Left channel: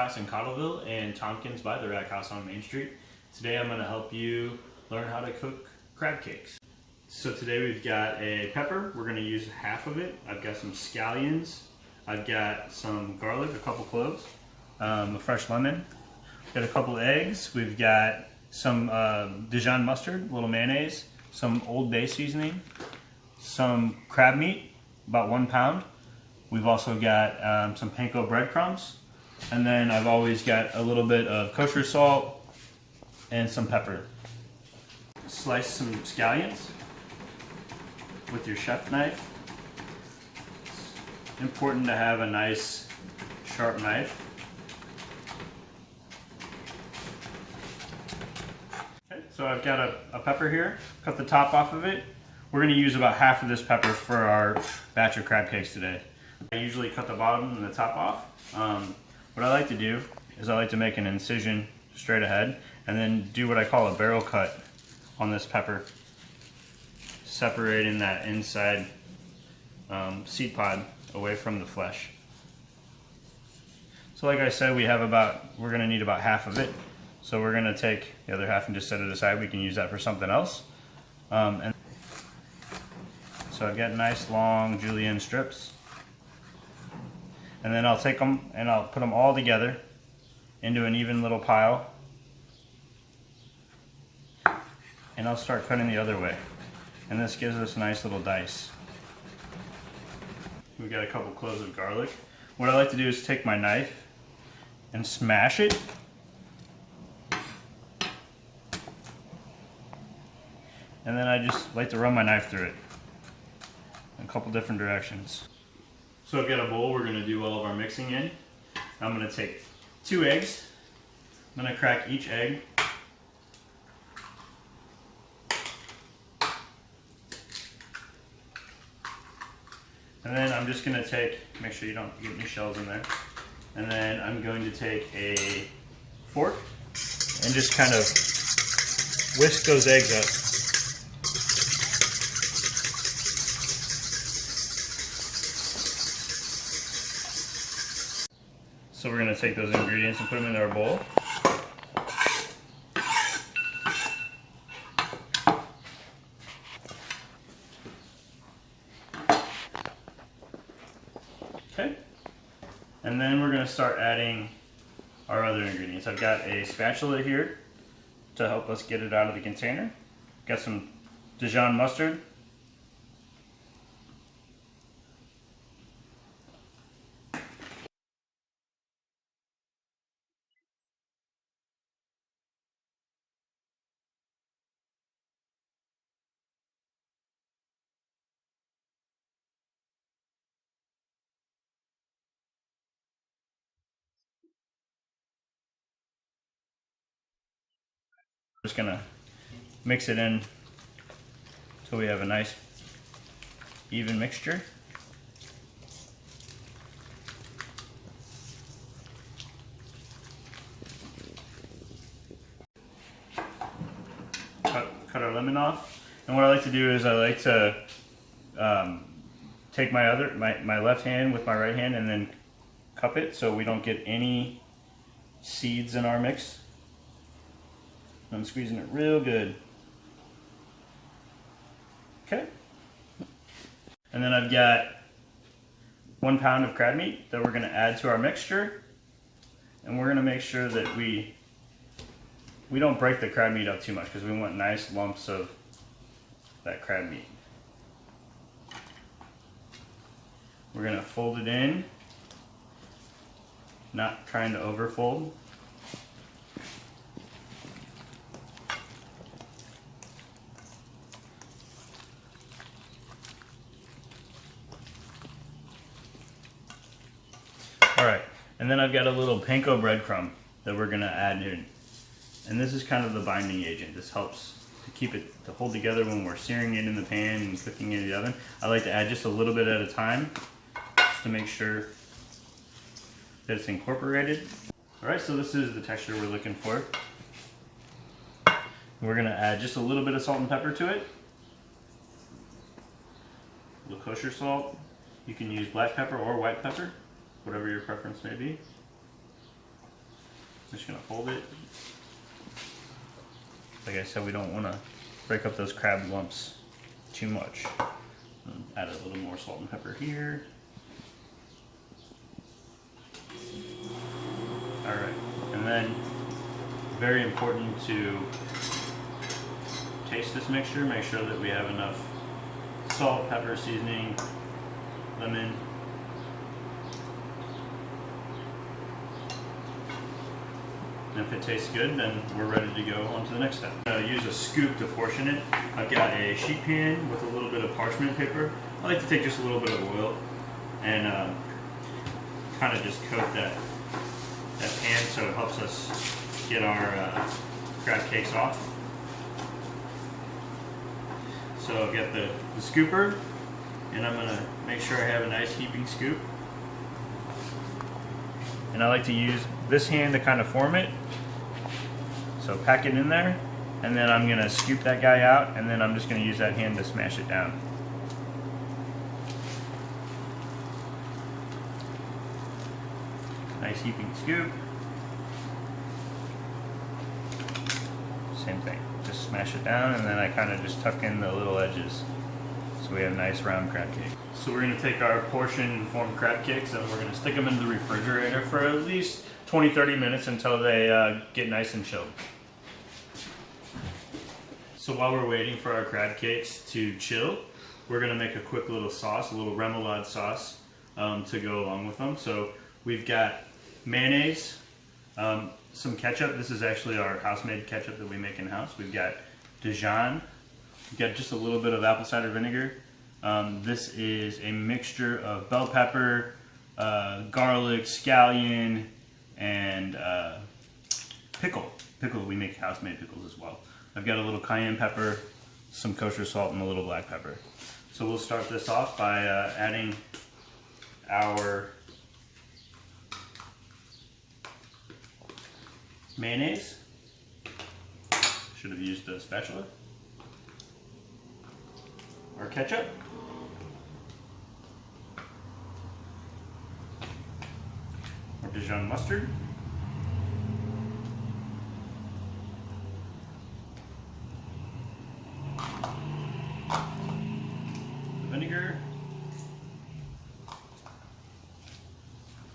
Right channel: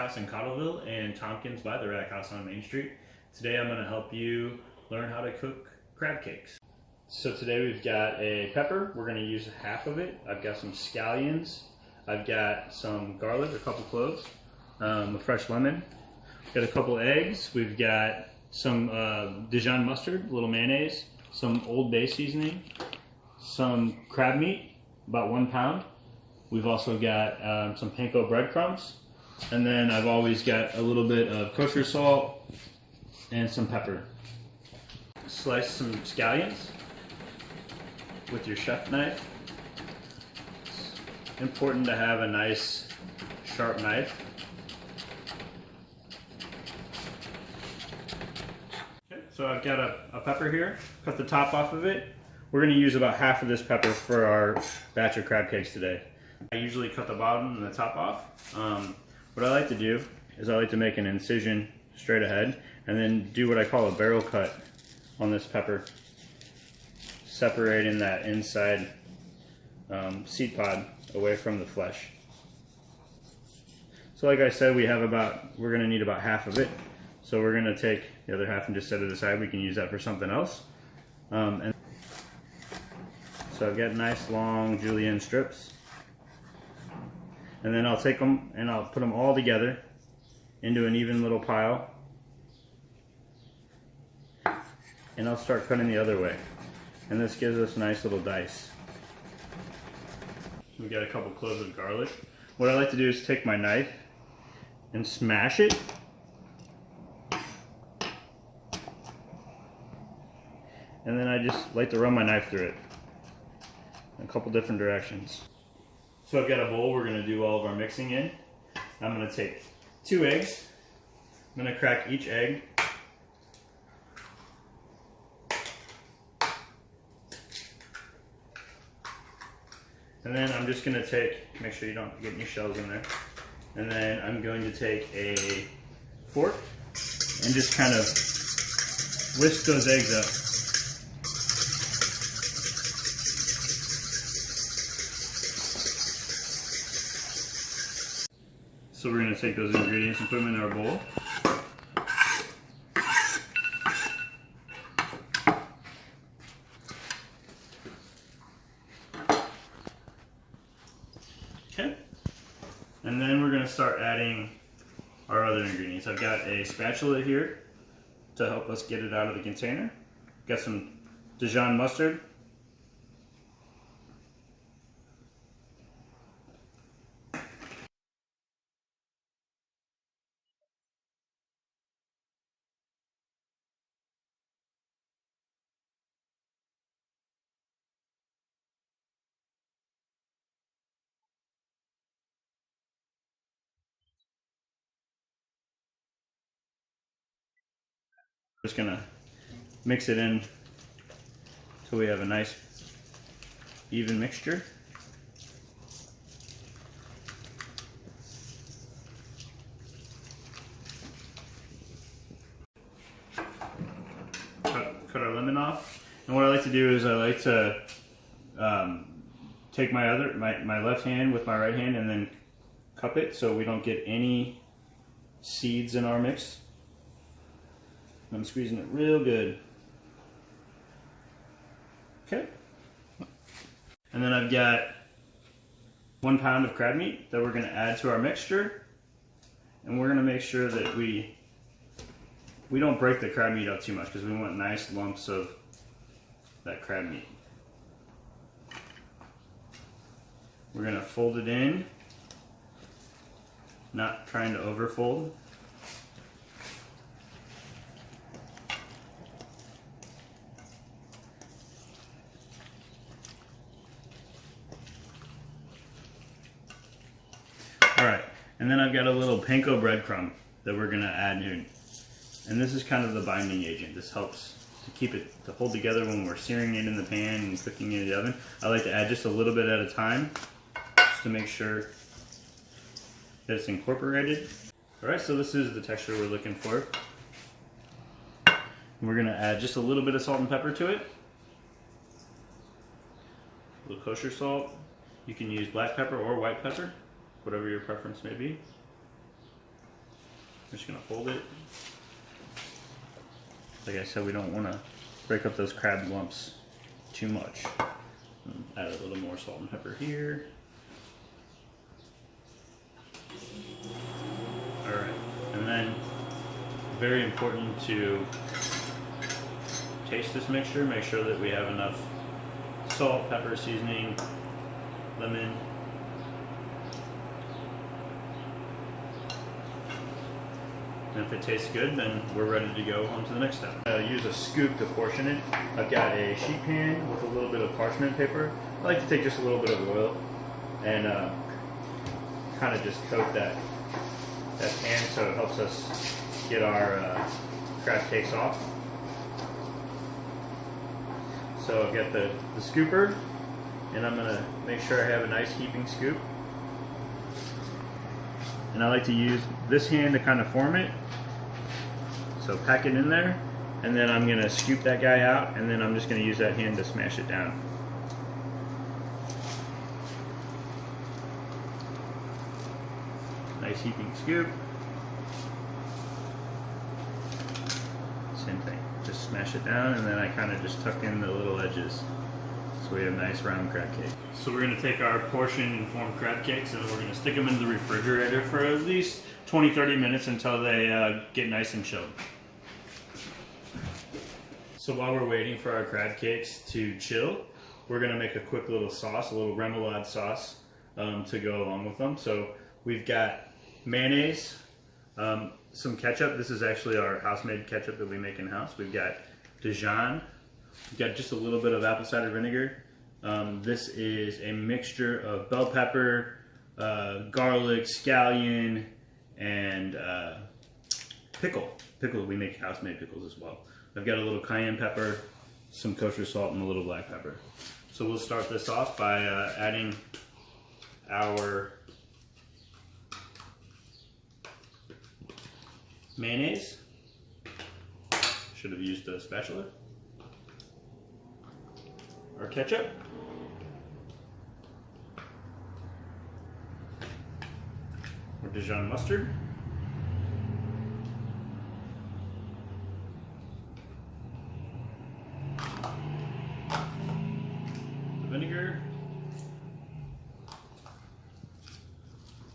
House in Cottleville and Tompkins by the Rack House on Main Street. Today I'm going to help you learn how to cook crab cakes. So today we've got a pepper. We're going to use half of it. I've got some scallions. I've got some garlic, a couple cloves, a fresh lemon. We've got a couple eggs. We've got some Dijon mustard, a little mayonnaise, some Old Bay seasoning, some crab meat, about 1 pound. We've also got some panko breadcrumbs, and then I've always got a little bit of kosher salt and some pepper. Slice some scallions with your chef knife. It's important to have a nice sharp knife. Okay, so I've got a pepper here. Cut the top off of it. We're going to use about half of this pepper for our batch of crab cakes today. I usually cut the bottom and the top off. What I like to do is I like to make an incision straight ahead and then do what I call a barrel cut on this pepper, separating that inside seed pod away from the flesh. So like I said, we're going to need about half of it. So we're going to take the other half and just set it aside. We can use that for something else. And so I've got nice long julienne strips. And then I'll take them and I'll put them all together into an even little pile. And I'll start cutting the other way. And this gives us nice little dice. We've got a couple cloves of garlic. What I like to do is take my knife and smash it. And then I just like to run my knife through it in a couple different directions. So I've got a bowl we're going to do all of our mixing in. I'm going to take 2 eggs. I'm going to crack each egg. And then I'm just going to make sure you don't get any shells in there. And then I'm going to take a fork and just kind of whisk those eggs up. So we're going to take those ingredients and put them into our bowl. Okay. And then we're going to start adding our other ingredients. I've got a spatula here to help us get it out of the container. Got some Dijon mustard. Just gonna mix it in until we have a nice even mixture. Cut our lemon off, and what I like to do is I like to take my left hand with my right hand and then cup it so we don't get any seeds in our mix. I'm squeezing it real good. Okay. And then I've got 1 pound of crab meat that we're going to add to our mixture. And we're going to make sure that we don't break the crab meat up too much because we want nice lumps of that crab meat. We're going to fold it in, not trying to overfold. Alright, and then I've got a little panko breadcrumb that we're going to add in. And this is kind of the binding agent. This helps to keep it to hold together when we're searing it in the pan and cooking it in the oven. I like to add just a little bit at a time just to make sure that it's incorporated. Alright, so this is the texture we're looking for. We're going to add just a little bit of salt and pepper to it. A little kosher salt. You can use black pepper or white pepper, whatever your preference may be. I'm just gonna fold it. Like I said, we don't want to break up those crab lumps too much. Add a little more salt and pepper here. Alright, and then very important to taste this mixture. Make sure that we have enough salt, pepper, seasoning, lemon. And if it tastes good, then we're ready to go on to the next step. Use a scoop to portion it. I've got a sheet pan with a little bit of parchment paper. I like to take just a little bit of oil and kind of just coat that pan so it helps us get our crab cakes off. So I've got the scooper, and I'm gonna make sure I have a nice heaping scoop. And I like to use this hand to kind of form it. So pack it in there, and then I'm gonna scoop that guy out, and then I'm just gonna use that hand to smash it down. Nice heaping scoop. Same thing, just smash it down, and then I kind of just tuck in the little edges. So we have nice round crab cake. So we're gonna take our portion formed crab cakes and we're gonna stick them in the refrigerator for at least 20-30 minutes until they get nice and chilled. So while we're waiting for our crab cakes to chill, we're gonna make a quick little sauce, a little remoulade sauce to go along with them. So we've got mayonnaise, some ketchup. This is actually our house-made ketchup that we make in-house. We've got Dijon. We've got just a little bit of apple cider vinegar. This is a mixture of bell pepper, garlic, scallion, and pickle. Pickle, we make house-made pickles as well. I've got a little cayenne pepper, some kosher salt, and a little black pepper. So we'll start this off by adding our mayonnaise. Should have used a spatula. Our ketchup. Our Dijon mustard. Vinegar.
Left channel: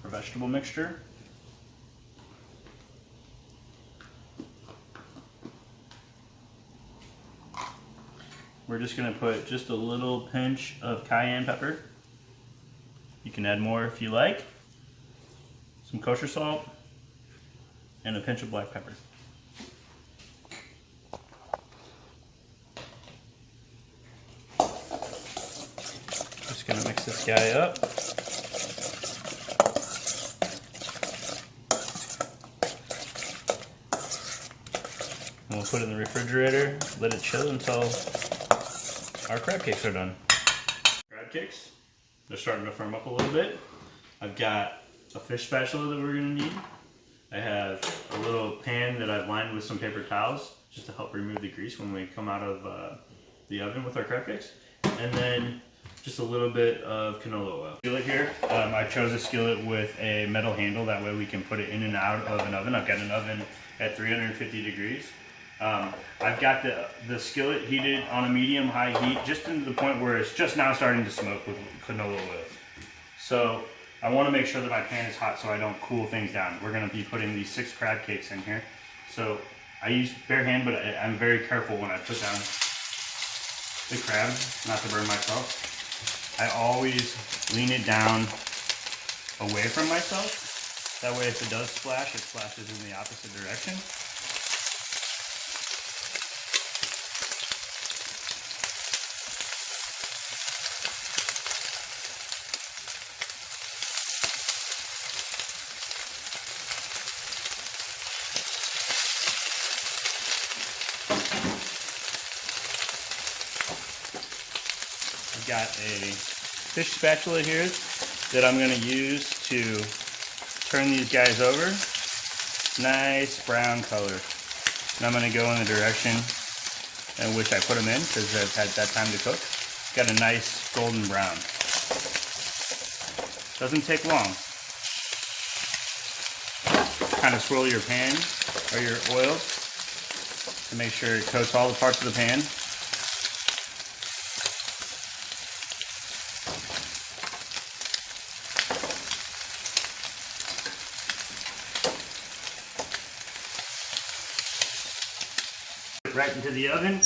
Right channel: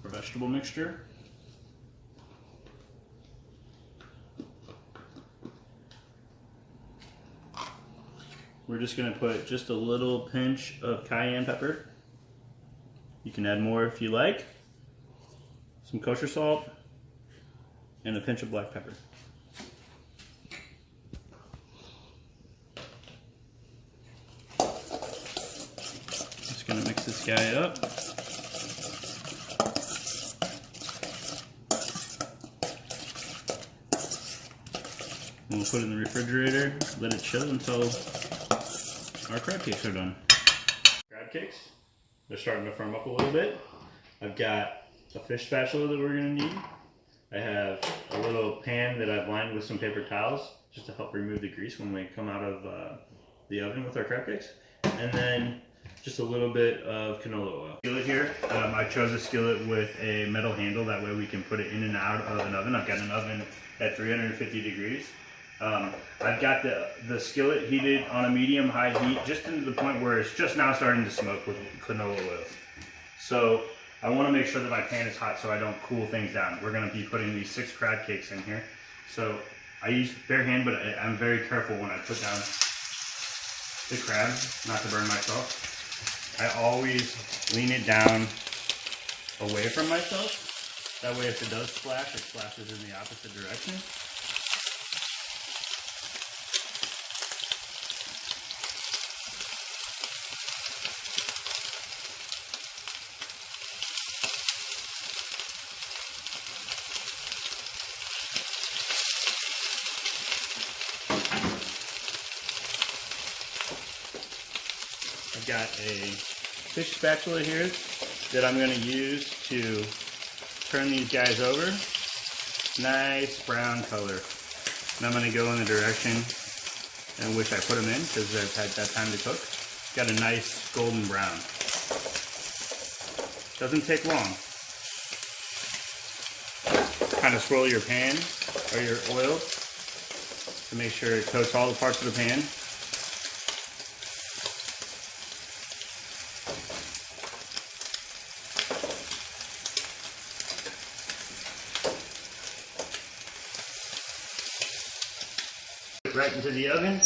Our vegetable mixture. We're just going to put just a little pinch of cayenne pepper. You can add more if you like. Some kosher salt and a pinch of black pepper. Just going to mix this guy up. And we'll put it in the refrigerator, let it chill until our crab cakes are done. Crab cakes, they're starting to firm up a little bit. I've got a fish spatula that we're going to need. I have a little pan that I've lined with some paper towels just to help remove the grease when we come out of the oven with our crab cakes. And then just a little bit of canola oil. Skillet here, I chose a skillet with a metal handle, that way we can put it in and out of an oven. I've got an oven at 350 degrees. I've got the skillet heated on a medium-high heat, just to the point where it's just now starting to smoke with canola oil. So I want to make sure that my pan is hot so I don't cool things down. We're going to be putting these 6 crab cakes in here. So I use bare hand, but I'm very careful when I put down the crab, not to burn myself. I always lean it down away from myself. That way if it does splash, it splashes in the opposite direction. I've got a fish spatula here that I'm going to use to turn these guys over. Nice brown color. And I'm going to go in the direction in which I put them in because I've had that time to cook. Got a nice golden brown. Doesn't take long. kind of swirl your pan or your oil to make sure it coats all the parts of the pan. Right into the oven.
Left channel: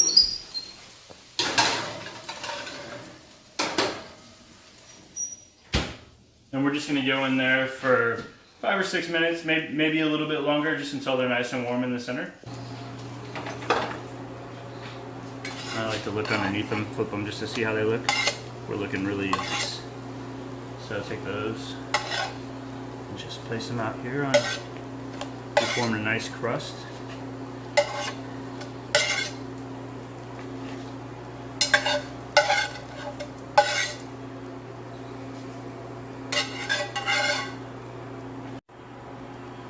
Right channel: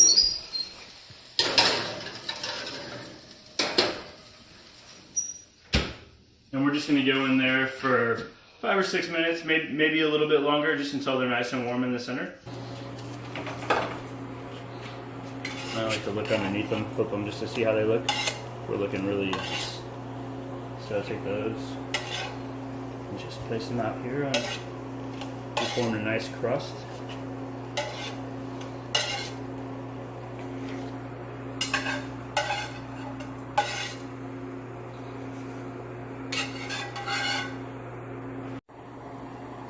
And we're just going to go in there for 5 or 6 minutes, maybe a little bit longer, just until they're nice and warm in the center. I like to look underneath them, flip them just to see how they look. We're looking really nice. So I'll take those and just place them out here to form a nice crust.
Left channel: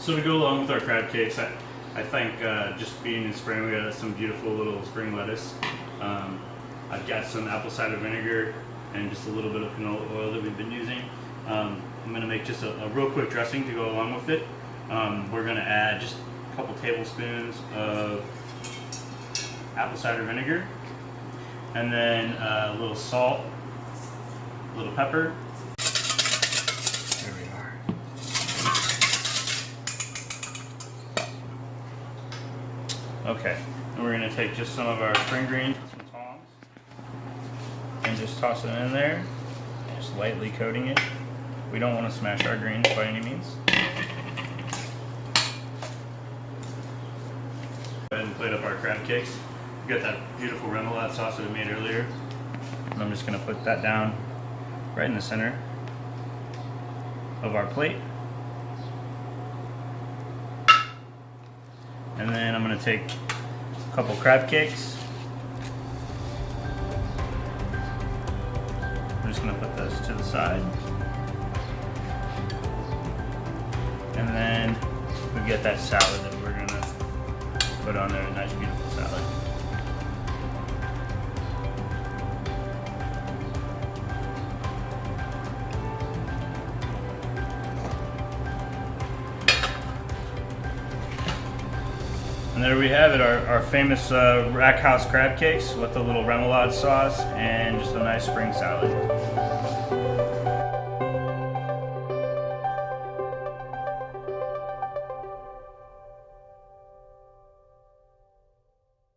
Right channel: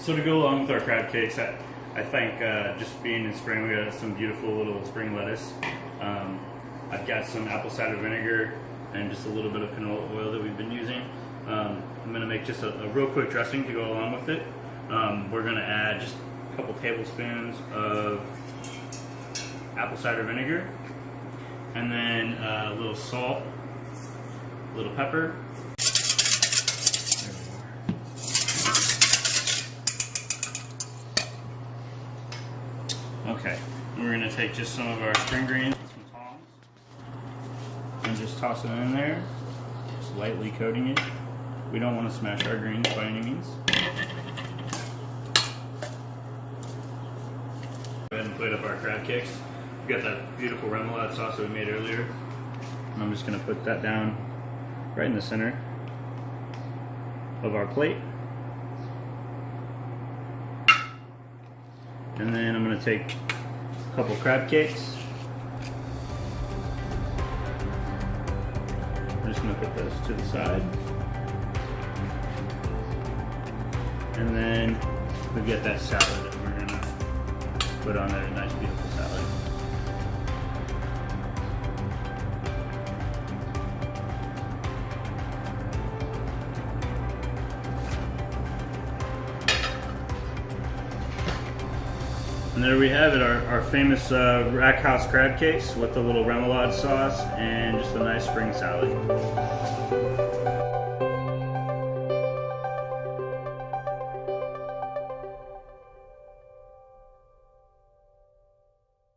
So to go along with our crab cakes, I think just being in spring, we got some beautiful little spring lettuce. I've got some apple cider vinegar and just a little bit of canola oil that we've been using. I'm going to make just a real quick dressing to go along with it. We're going to add just a couple tablespoons of apple cider vinegar, and then a little salt, a little pepper. Okay, and we're going to take just some of our spring greens and some tongs and just toss it in there, just lightly coating it. We don't want to smash our greens by any means. Go ahead and plate up our crab cakes. We've got that beautiful remoulade sauce that we made earlier, and I'm just going to put that down right in the center of our plate. And then I'm going to take a couple crab cakes. I'm just going to put those to the side. And then we've got that salad that we're going to put on there, a nice beautiful salad. And there we have it, our famous rack house crab cakes with a little remoulade sauce and just a nice spring salad.